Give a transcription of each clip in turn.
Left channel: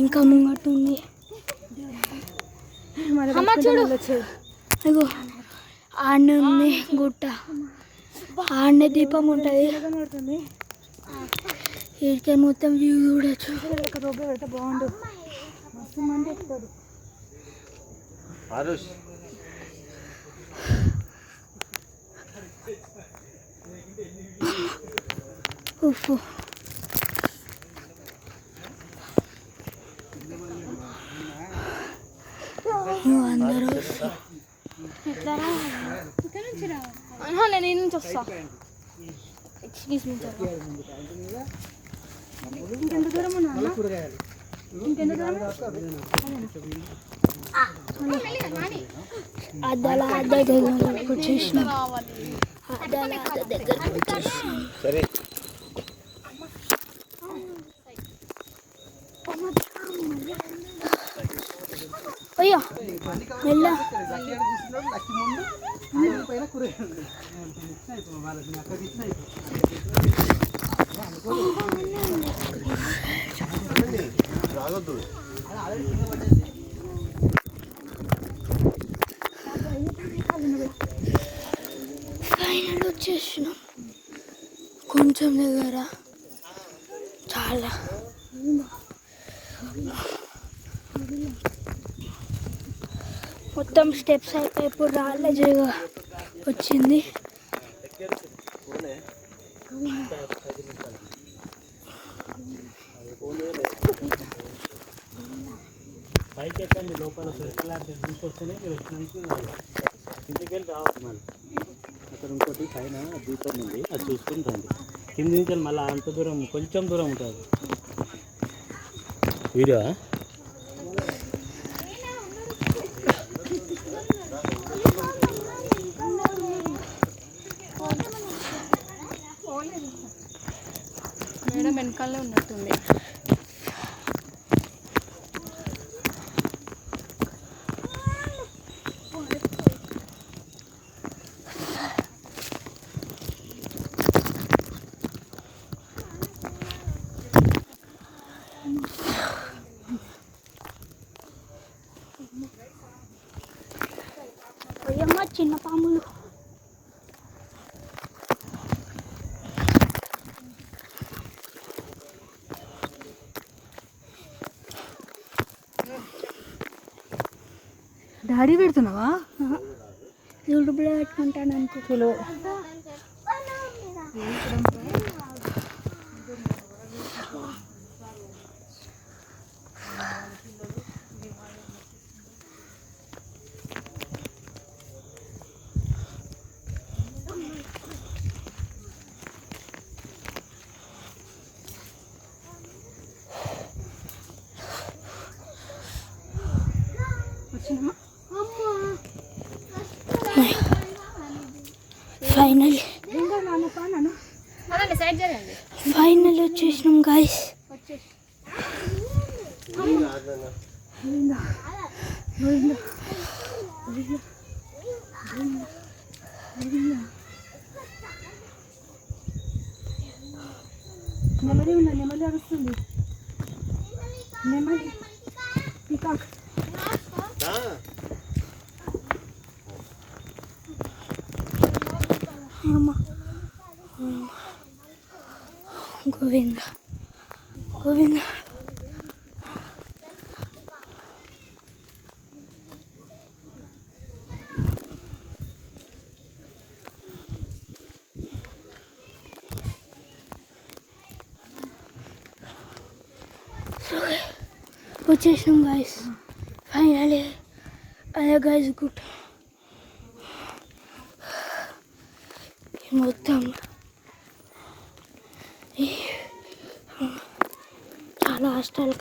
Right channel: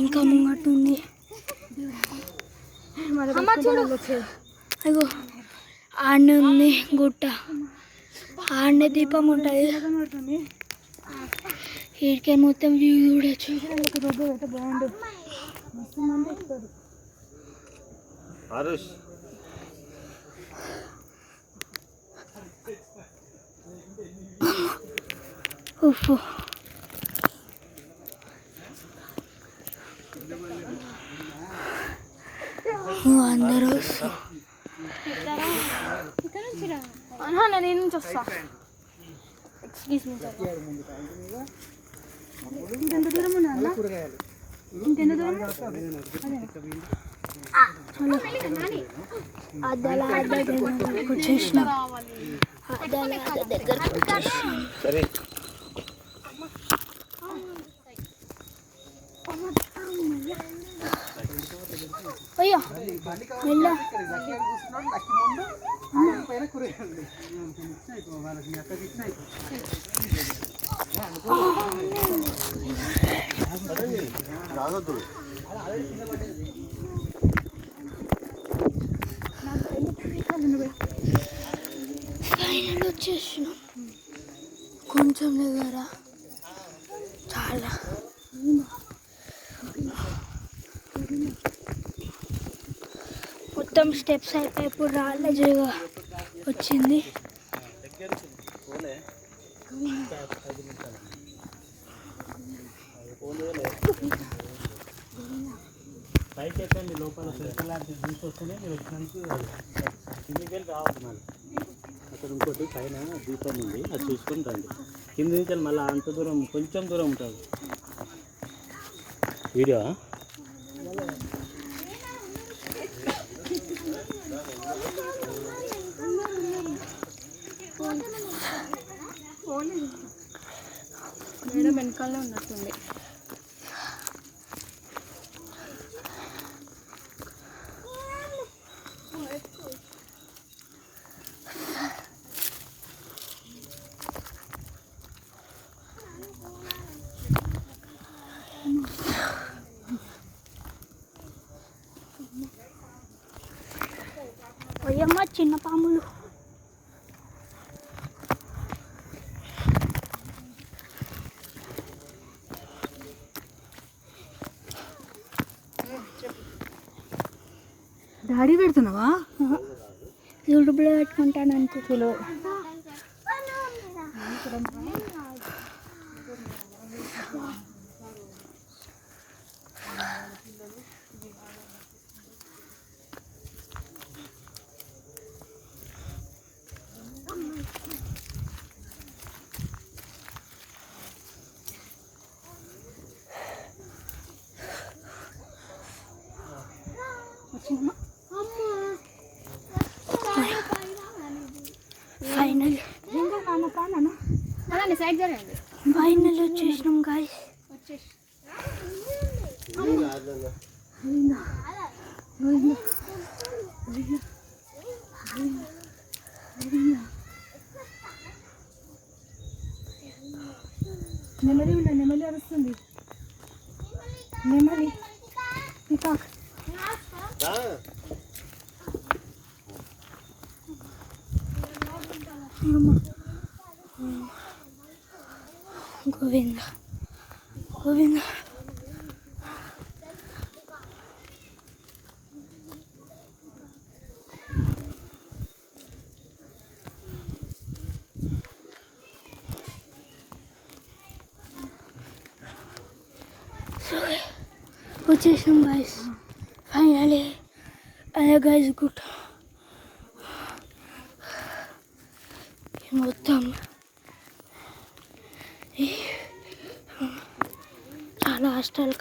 ఇంకా ముంగట్టుంది. అగో ఆడనే ఉంది గుట్ట, ఆడనే దీపం ఉంటుంది. వీడికే మొత్తం వ్యూ చూడొచ్చు. బాగుండు. ఉఫ్ అందరూ నేను నుంచి వస్తా. ఎక్స్క్యూజ్ మీ ఇంకెంత దూరం ఉన్నా ఇంకెంత దూరం అద్దాల దగ్గరకు వచ్చేసిన అయ్యో మెల్ల ఫైనల్ వచ్చేసిన కొంచెం దగ్గర చాలా మొత్తం స్టెప్స్ అయితే ఇప్పుడు రాళ్ళ జగ వచ్చింది. పైకి ఎక్కండి, లోపల తీసుకొస్తూనే మీరు కిందికి వెళ్ళి రావచ్చు. అక్కడ ఇంకోటి పైన దీపం ఉంది, అది చూసుకొని రండి. కింది నుంచి మళ్ళీ అంత దూరం కొంచెం దూరం ఉంటుంది. వీడియో మేడం వెనకాలనే ఉన్నట్టుంది. అయ్యమ్మ చిన్న పాములు. డాడీ పెడుతున్నావా? యూట్యూబ్లో పెట్టుకుంటాను అంతే. కిలో ఫైనల్ వచ్చేసినాం గాయస్. నెమలి అరుస్తుంది. నెమలి పికాక్. గోవింద గోవింద. వచ్చేసాం గాయస్ ఫైనలీ. అదే గాయస్ గుట్ట మొత్తం చాలా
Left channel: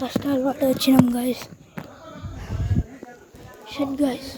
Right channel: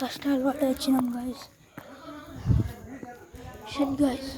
కష్టాలు పడి వచ్చినాం గాయస్. Shut guys.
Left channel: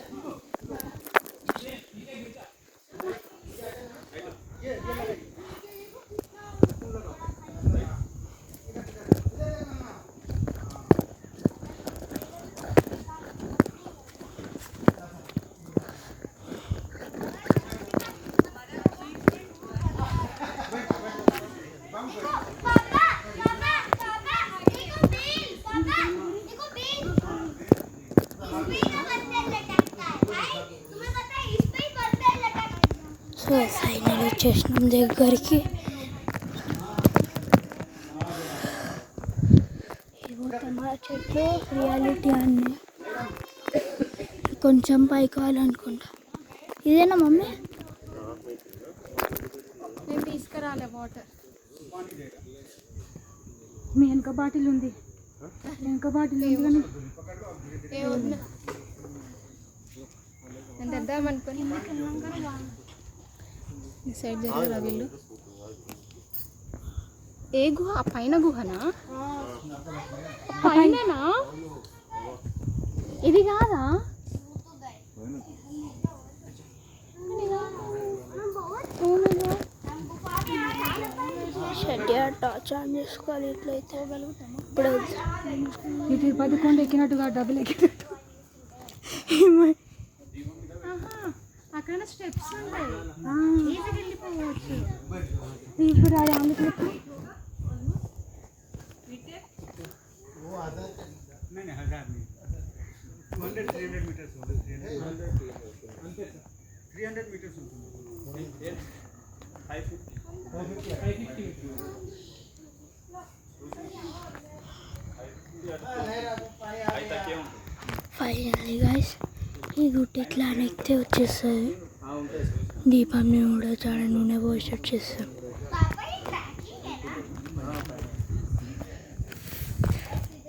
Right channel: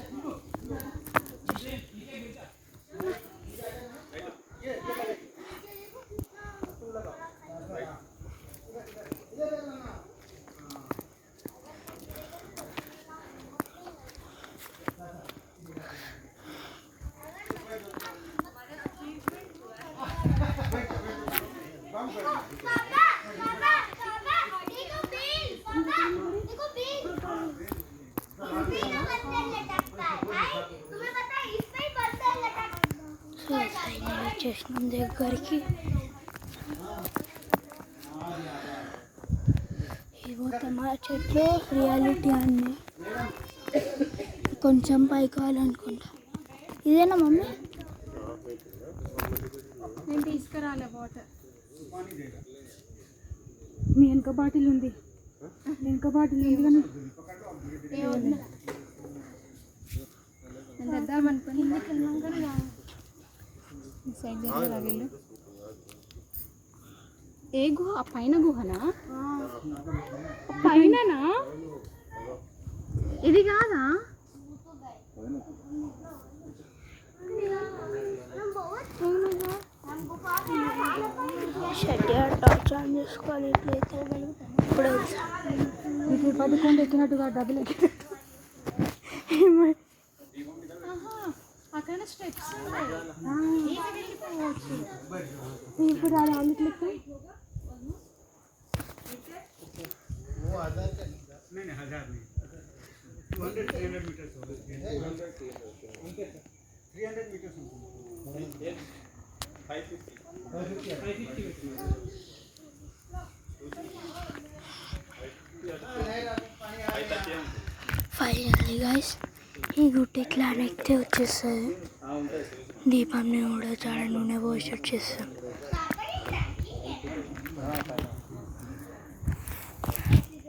వచ్చేసినాం దగ్గరికి. ఇవో టమాటా చెట్లు రియాలిటీ అన్నీ. కొంచెం పైకి కావాలనుకుంటా. ఇదేనా మమ్మీ? నేను తీసుకురాలే వాటర్. మీ వెనక బాటిల్ ఉంది, వెనక బాటిల్ ఉంది కానీ నేను తెద్దాం అనుకుని ఈ సైడ్ జరగరా వీళ్ళు. ఏ గుహ? ఆ పైన గుహనా? పైననా? ఇది కాదా? షెడ్ టార్చ్ ఆన్ చేసుకోవాలి. ఇట్లయితే ఇప్పుడు ఇది 10 కొండ ఎక్కినట్టుగా డబ్బులు ఎక్కినట్టు. అక్కడ స్టెప్స్ ఉంటాయి, వెళ్ళిపోవచ్చు. ఇప్పుడు అది అందుకు ఫైనల్లీ గైస్ ఈ రూట్ ఇట్లా ఎక్కితే వచ్చేస్తుంది. దీపం కూడా చాలా నూనె పోసి వచ్చేస్తుంది.